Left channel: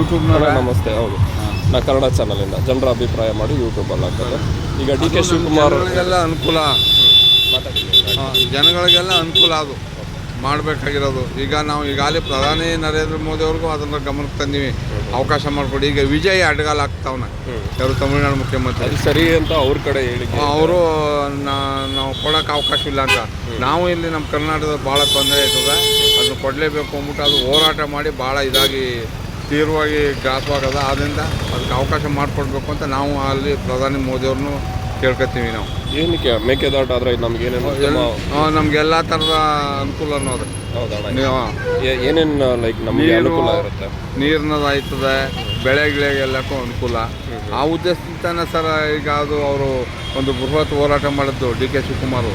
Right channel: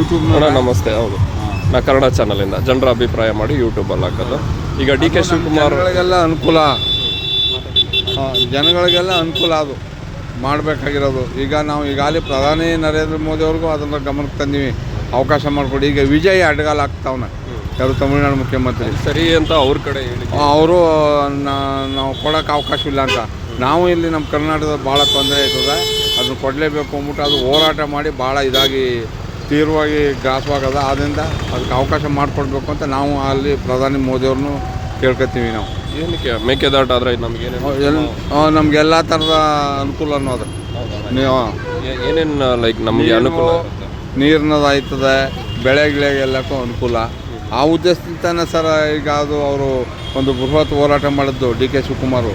ಯೂಟ್ಯೂಬ್ನ ನಮಸ್ತೆ. ಹೌದು, ನಾ ಕನ್ನಡ ಚಾನಲಿಂದ ಜನರ ಅಭಿಪ್ರಾಯ ಮಾಡಿ ಯೂಟ್ಯೂಬಲ್ಲಿ ಹಾಕೋದು. ಈಗ ಡಿ ಕೆ ಶಿವಕುಮಾರ್ ಜನಗಳಿಗೆಲ್ಲ ಅನುಕೂಲ, ಜನಗಳಿಗೆಲ್ಲ ಅನುಕೂಲ ಅದು ಮಾಡಬೇಕಾಗಿರೋದು. ಈಗ ನಾವು ಈಗಾಗಲೇ ಪ್ರಧಾನಿ ನರೇಂದ್ರ ಮೋದಿ ಅವ್ರಿಗೂ ಅದನ್ನು ಗಮನಕ್ಕೆ ತಂದೀವಿ, ಅವಕಾಶ ಮಾಡಿಕೊಡಿ. ಈಗ ವಿಜಯ್ ಅಡ್ಗಾಲ ಆಗ್ತಾವನೆ, ಯಾರು ತಮಿಳುನಾಡು ಮುಖ್ಯಮಂತ್ರಿ ಸರಿ ಅಂತ ಅವ್ರ ಕಡೆ ಹೇಳಿ ಅವರು ನಾವು ಕೊಡೋಕೆ ಅವಕಾಶ ಇಲ್ಲ ಅಂತ. ನಾವು ಇಲ್ಲಿ ನಮ್ಮ ಕರ್ನಾಟಕದ ಭಾಳ ತೊಂದರೆ ಆಯ್ತದೆ, ಅದನ್ನು ಕೊಡಲೇಬೇಕು ಅಂದ್ಬಿಟ್ಟು ಅದು ಹೋರಾಟ ಮಾಡಿ ಭಾಳ ಇದಾಗಿ ತೀವ್ರವಾಗಿ ಗ್ರಾಸವಾಗದ. ಆದ್ದರಿಂದ ಅದಕ್ಕೆ ಅವಕಾಶ ಮಾಡಿಕೊಡ್ಬೇಕು ಅಂತ ನಾವು ಅಲ್ಲಿ ಪ್ರಧಾನಿ ಮೋದಿಯವ್ರನ್ನೂ ಕೇಳ್ಕೊತೀವಿ. ನಾವು ಏನಕ್ಕೆ ಮೇಕೆದಾಟು ಆದರೆ ನಮಗೇನೇನು ನಮಗೆಲ್ಲ ಥರದ ಅನುಕೂಲ ಅನ್ನೋದು. ಏನೇನು ಲೈಕ್ ನಮಗೆ ಅನುಕೂಲ ಇರುತ್ತೆ? ನೀರಿನದಾಯ್ತದೆ, ಬೆಳೆಗಳಿಗೆಲ್ಲಕ್ಕೂ ಅನುಕೂಲ. ಆ ಉದ್ದೇಶದಿಂದ ಸರ್ ಈಗ ಅದು ಅವರು ಒಂದು ಬೃಹತ್ ಹೋರಾಟ ಮಾಡಿದ್ದು ಡಿ ಕೆ ಶಿವಕುಮಾರ್.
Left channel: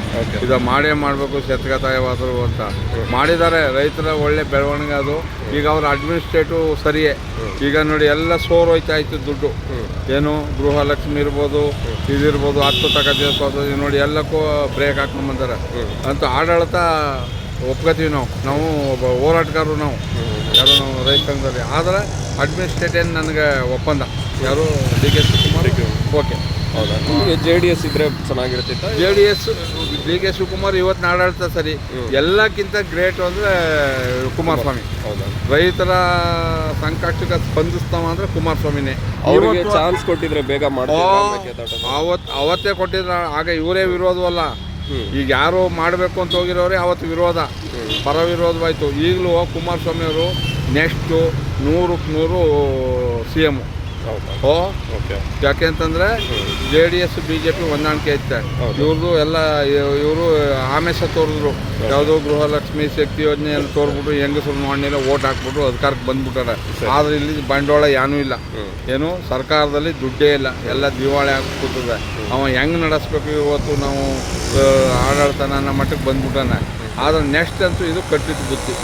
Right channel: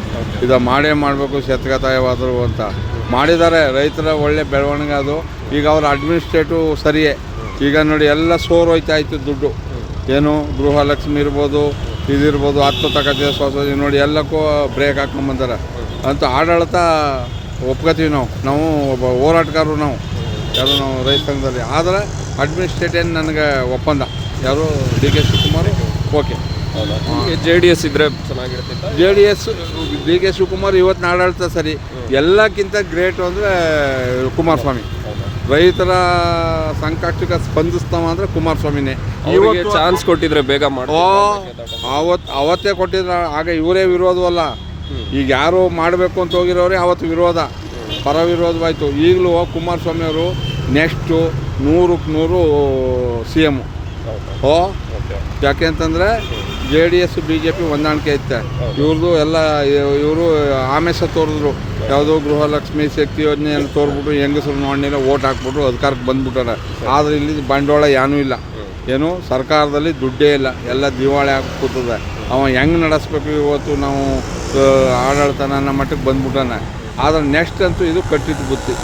ಇದು ಮಾಡಬೇಕು ಶತಕತಾಯವಾದರು ಅಂತ ಮಾಡಿದ್ದಾರೆ. ರೈತರ ಒಳ್ಳೆ ಬೆಳವಣಿಗೆ ಅದು. ಈಗ ಅವ್ರ ಅಡ್ಮಿನಿಸ್ಟ್ರೇಟಿವ್ ಸರಿಯೇ. ಈಗ ನೋಡಿ ಎಲ್ಲ ಹೋಯ್ತಾ ಇತ್ತು ದುಡ್ಡು. ಏನು ಗೃಹಲಕ್ಷ್ಮಿ ಇರ್ಬೋದು, ಇದಿರ್ಬೋದು, 10 ತಗೋದು ನೋಡಿ ಎಲ್ಲಕ್ಕೂ ಬ್ರೇಕ್ ಹಾಕ್ಕೊಂಬಂತಾರೆ ಅಂತ ಆಡಳಿತ ಒಪ್ಕೋತೀವಿ. ನಾವು ಒಬ್ಬ ಹೋರಾಟಗಾರರು, ಯಾರು ನಾವು ರೈತ ಸಂಘದಲ್ಲಿ. ಆದರೆ ಅಡ್ಮಿನಿಸ್ಟ್ರೇಟಿವ್ ನನಗೆ ಒಪ್ಪಂದ ಯಾರು ಡಿ ಕೆ ಶಿವಕುಮಾರ್ ಓಕೆ. ಹೌದಾ? ಜೆ ಡಿ ಎಸ್ ಇದ್ದರೆ ಚೆನ್ನಾಗಿರ್ತಿತ್ತು. ಡಿ ಕೆ ಶಿವಕುಮಾರ್ ಇವತ್ತಿನ ಆಡಳಿತ ಸರಿ. ಎಲ್ಲಕ್ಕಿಂತ ಗ್ರೇಟ್ ಅಂದರೆ ಕುಮಾರಸ್ವಾಮಿ. ರೈತರ ಸಂಕಷ್ಟಕ್ಕೆ ಸ್ಪಂದಿಸ್ತಾವ ಅಂದರೆ ಕುಮಾರಸ್ವಾಮಿನೇ. ಅವರಿಗೆ ಚಾನ್ಸ್ ಕೊಟ್ಟಿದ್ರೆ ಬೇಗ ಅವತ್ತೇ ಕೊಟ್ಟಿದ್ರೆ ಆಗ ಇವರೇ ವಿರೋಧವಲ್ಲ. ಈಗ ಯಾರು ಮಾಡಬೇಕು ಅಂತ ಹೋಗಿರೋರೇ ಅವತ್ತು ವಿರೋಧ, ಪರ ವಿರೋಧವಾಯಿತು. ಈಗಲೂ ಕುಮಾರಸ್ವಾಮಿ ಅವರು ನೆಕ್ಸ್ಟು 100ಕ್ಕೆ 100 CM. ಯಾಕೆ ಅಂತಂದರೆ JDS BJP ಹೊಂದಾಣಿಕೆ ಐತೆ. ಇವ್ರದ್ದು ಎಲ್ಲ ಇವರು ಆಮೇಶ ತೋರಿದ್ರು. ಯಾವುದೋ ಗೃಹಲಕ್ಷ್ಮಿ ಶಕ್ತಿ ಯೋಜನೆಯನ್ನು ತೋರ್ಬಿಟ್ಟು ಹೆಂಗಸರು ನೋಡಿದ್ರೆ ಓಟ್ ಹಾಕ್ಬಿಟ್ಟು ಅಧಿಕಾರಕ್ಕೆ ಬಂದ್ಬಿಟ್ಟಾರೆ. ಆದರೆ ಇಲ್ಲಿ ಬಂಡವಾಳ ಏನೂ ಇಲ್ಲ, ಏನು ಸರ್ಕಾರದಲ್ಲಿ ದುಡ್ಡೇ ಇಲ್ಲ, ಎಲ್ಲ ದಿವಾಳಿ ಹಾಕ್ಬಿಟ್ಟಿದೆ. ಅವ ಹೆಂಗೆ ನಡೆಸ್ಬೇಕು ಇವತ್ತು ನಾವು ಆಡಳಿತ ನನ್ನ ಮಟ್ಟಕ್ಕೆ ಬಂದ್ಬಿಟ್ಟಾನೆ. ಆದರೆ ನೆಕ್ಸ್ಟ್ ಅಂತೂ ಇದು ಕಟ್ಟಿಟ್ಟು ಬುತ್ತಿ.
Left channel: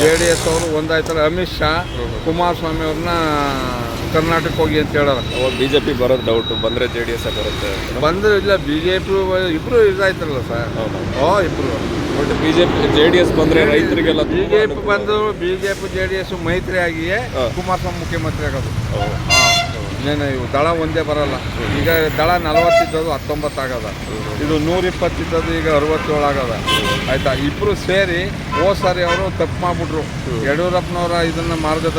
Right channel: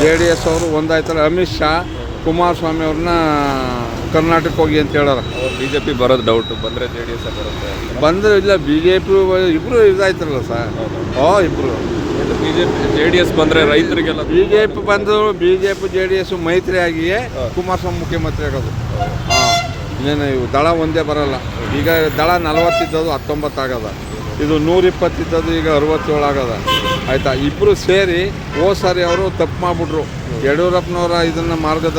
JDS ಅವರು ಒಂದಾಯ್ತಾರೆ. ಅಮಿತ್ ಶಾ ಕುಮಾರಸ್ವಾಮಿ ಅವ್ರನ್ನ ಕರ್ನಾಟಕಕ್ಕೆ ಹೋಗಿ ಅಂತ ಹೇಳೋರು. BJP ಬರೋದು ಡೌಟು, ಬಂದರೆ JDS ಬರುತ್ತೆ. ಬಂದರೆ ಇಲ್ಲ, BJP ಇಬ್ಬರು ಇದಾಯ್ತಾರಲ್ಲ ಸರ್. ಇಬ್ಬರು JDS ಬಂದರೆ ರೈತರಿಗೆಲ್ಲ. BJP JDS ಮೈತ್ರಿ ಆಗಿಯೇ ಕುಮಾರಸ್ವಾಮಿ ಮುಖ್ಯಮಂತ್ರಿ ಆಗೋದು. ಇನ್ನೇನು ಇವು ದಳ ಒಂದೇ ಬರೋಲ್ಲ. ಈಗ ದಳ 40 ಇದ್ದದ್ದು 19 ಆಗದ, ಇದು 120 ಇದ್ದದ್ದು ಈಗ 67 ಆಗದ. ಆಯಿತಾ? ಇಬ್ಬರು ಸೇರಿ ಸಾರಿ ಅವರು ತಪ್ಪು ಮಾಡಿಬಿಟ್ರು. ಯಡಿಯೂರಪ್ಪನವರ ಇದನ್ನು ಮಾರ್ಗದ